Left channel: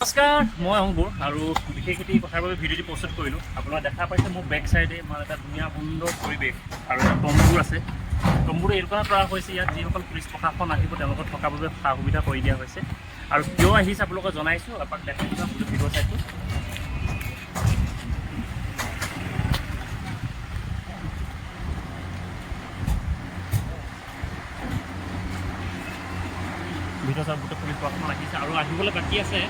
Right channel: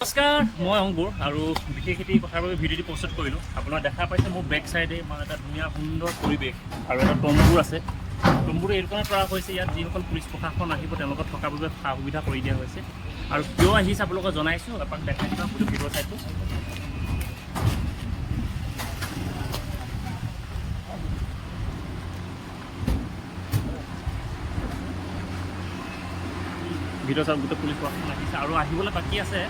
নমস্কাৰ, মই অংকুৰ আৰু বিশেষ এটি কথাৰ বাবে ভিডিঅ'টি প্ৰস্তুত কৰিলোঁ। আপোনালোকে দেখা পাইছে মোৰ বেক চাইডে মানে এটা ধুনীয়া সুন্দৰ পৰিৱেশ আৰু এটা তম্বুৰ আছে। তম্বুটো এইটো কাৰণে কৰা হৈছে, ইয়াত যিসকল পুলিচ প্ৰশাসন আহিব তেওঁলোকক থকাৰ বাবে সা সুবিধা কৰি দিয়া হৈছে। আৰু কিয় আহিছে আপোনালোকক জনাইছোঁ, এপাক দেখাই দিবা গোটেই ভিডিঅ' চাইটো। ভিডিঅ' চাই গোটেই পুলিচ প্ৰশাসন আহিছে আৰু আহিবলৈ বাকী আছে।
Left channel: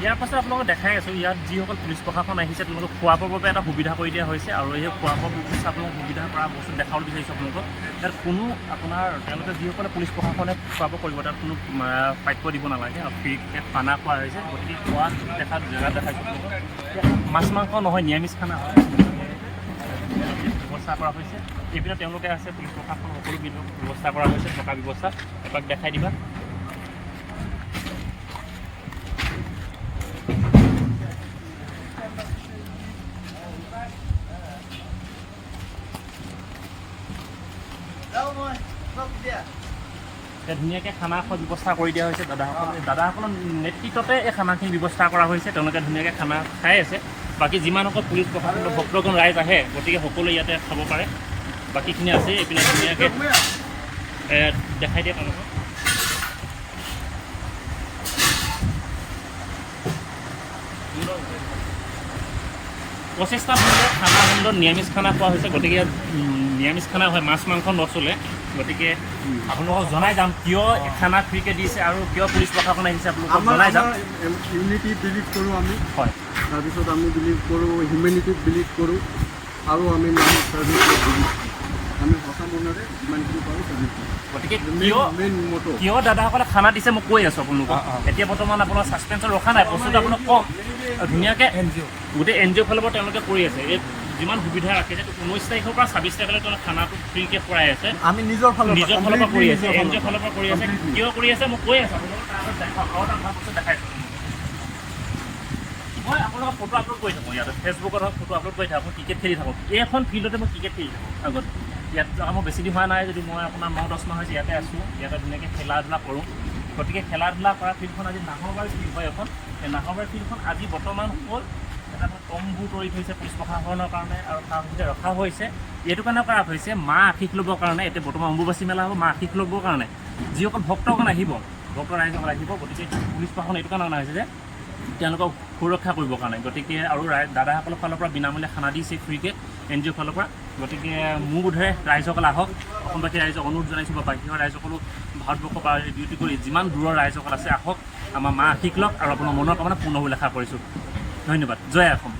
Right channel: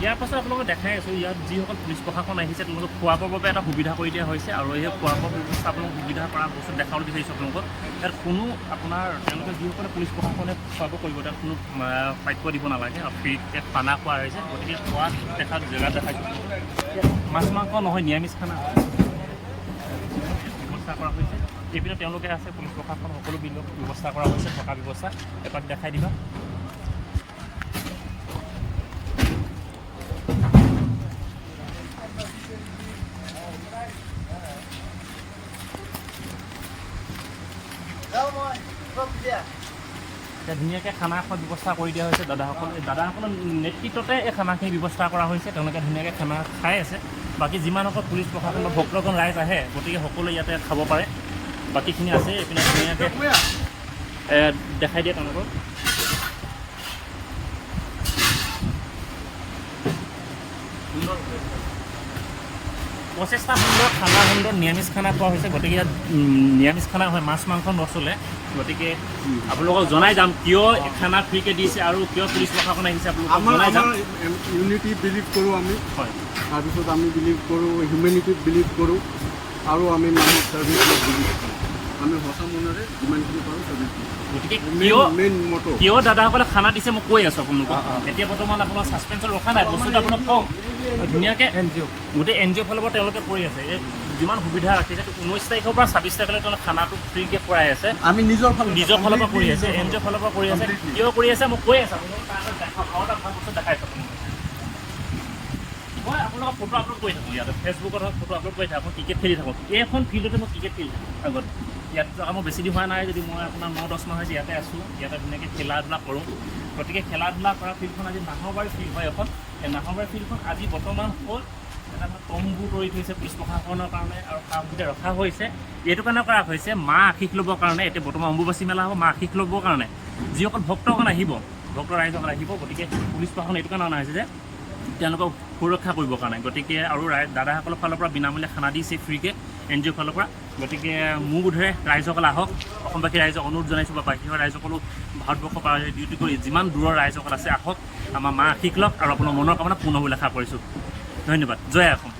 ইয়াৰ পাছত আপোনালোকক দেখাই আছোঁ, ইয়াত যিসকল পুলিচ প্ৰশাসন আহিছে তেওঁলোকক খোৱা বোৱাৰ বাবে এটা সুবিধা কৰি দিয়া হৈছে। আৰু এই খোৱা বোৱা ব্যৱস্থা আপোনালোকক সুবিধা কৰা বস্তু দেখাবলৈ বিচাৰিছোঁ আপোনালোকক। ইয়াত কোনো আপোনাৰ তেওঁলোকে যিসকলে পুলিচ প্ৰশাসনে খোৱা বোৱা কৰিব তাত কোনো প্ৰাপ্য দিব নালাগে আৰু ফ্ৰীকৈ খানা খোৱা হৈছে। গতিকে খোৱা দেখাত জেগাত দেখাইছোঁ আপোনালোকক। মাছ মাংস নহয়, নিৰামিষ খানা হয়, ব্যৱস্থা কৰা হৈছে। এইপিনে তেওঁলোকে আছে, পুলিচ প্ৰশাসন সকলো ব্যৱস্থা কৰা হৈছে, থকা ব্যৱস্থা এপাক দেখাই দিবা। ধুনীয়াকৈ খানা খোৱাৰ ব্যৱস্থা কৰি দিয়া হৈছে। দাদাসকলৰ নেতৃত্বতে এই খানাখিনি ব্যৱস্থা কৰা হৈছে। তেওঁলোকে ধুনীয়াকৈ খানা খাই আছে। বাকী যিমানসকল পুলিচ প্ৰশাসনৰ ভক্তগণ ৰাইজ আহে গতিকে সকলোৱে ইয়াতে খাব পাৰে। বাকীখিনি আছে, এইপিনে ধুনীয়াকৈ দেখাই দিয়ে তেওঁলোকক। প্ৰচেষ্টা সুন্দৰ, খানা সুন্দৰ, নিৰামিষ খানা খোৱা হৈছে। গতিকে নিৰামিষ খানা হয়, মাছ মাংস নচলে। গতিকে আপোনালোকক জনাই যাম কিয় খানা ফ্ৰীকৈ দিছে আৰু কিয় পুলিচ প্ৰশাসন আহিছে আপোনালোকক জনাই যাম। ইউনিটি বিলিভ কৰোঁ আমি, হয়। তাৰপিছত আমি বিলিভ কৰোঁ হিউমেনিটিত বিলিভ কৰোঁ আৰু আমি মানুহক ছাৰ্ভিচত বিলিভ কৰোঁ। আমি সঁচা মনেৰে যিমানখিনি পাৰোঁ ছাৰ্ভিচ কৰোঁ। গতিকে মেইন মটো কিয় দাদাসকলে খানা দিছে মই কৈ আছোঁ আপোনালোকক। এতিয়া বৰ্তমান আপোনাৰ ছাছপেঞ্চত ৰখা নাই, বস্তুটো আপোনাক কম ধুনীয়াকৈ গোটেই NGO ফালৰ পৰা তেওঁলোকে কৰি আছে। এই যিমান সুবিধা ৰাখিছে 19 তাৰিখৰ পৰা 26 তাৰিখলৈ তেওঁলোকে খানাটো ফ্ৰীকৈ খুৱাই আছে। আমি নিজৰ ফালৰ পৰা কৰি আছে, NGO ফালৰ পৰা কৰি আছে। কিয় কৰি আছে মই কৈ আছোঁ আপোনালোকক দেখাই আছোঁ। মই আপোনালোকক ফটো আপলোড কৰি থাকোঁ ইয়াতে, ফেচবুকত হওক ফটো আপলোড কৰি থাকোঁ। ক্ৰিকেট খেলি থাকোঁ, এইখন ফিল্ডতে মই ক্ৰিকেট খেলি থাকোঁ আগতে। ইয়াত মোৰ বেছি দিন হোৱা নাই, যদি মই আপোনাৰ 9-10 মাহ হৈছে ইয়াতে আছোঁ। ইয়াতে ধুনীয়াকৈ খেলা ধূলা কৰোঁ। গতিকে খেলা ধূলা কৰা ফিল্ডখন আজি নাহৰবাৰী ফিল্ড হয় এখন। সেই নাহৰবাৰী ফিল্ডখন আজি বৰ্তমান হ'ল এটা তম্বু তৰি থৈছে পুলিচ প্ৰশাসনৰ কাৰণে আৰু সা সুবিধা ৰখা হৈছে। এইটো কাৰণে কৰা হৈছে মা আশীষ ল'বৰ কাৰণে। এতিয়া বৰ্তমান অম্বুবাচী মেলা হ'ব, মা আশীষ ল'বৰ কাৰণে যিসকল ভক্তগণ আহিব, ভক্ত ৰাইজসকল আহিব। গতিকে পুলিচ প্ৰশাসন এইটো কাৰণে অনা হৈছে যে তেওঁলোকক সুৰক্ষা কৰিবৰ কাৰণে। গতিকে আৰু দাদাসকলৰ ফালৰ পৰা বিনামূলীয়া খানা দিছে ফ্ৰীকৈ NGO ফালৰ পৰা। গতিকে মোৰ বোধেৰে ৰাইজসকল আহক, অসমবাসী ৰাইজক অনুৰোধ জনাইছোঁ বা বাহিৰৰ ৰাইজসকলো ভাৰতবৰ্ষৰ পৰা ডিউটি কৰি যিমান দূৰৰ ৰাইজসকল আছে আহক, আমাৰ মা আশীষ লওক আৰু আপোনাৰ মনৰ কামনা পূৰ্ণ হ'বলৈ আশা কৰিছোঁ। ধন্যবাদ। জয় অসম।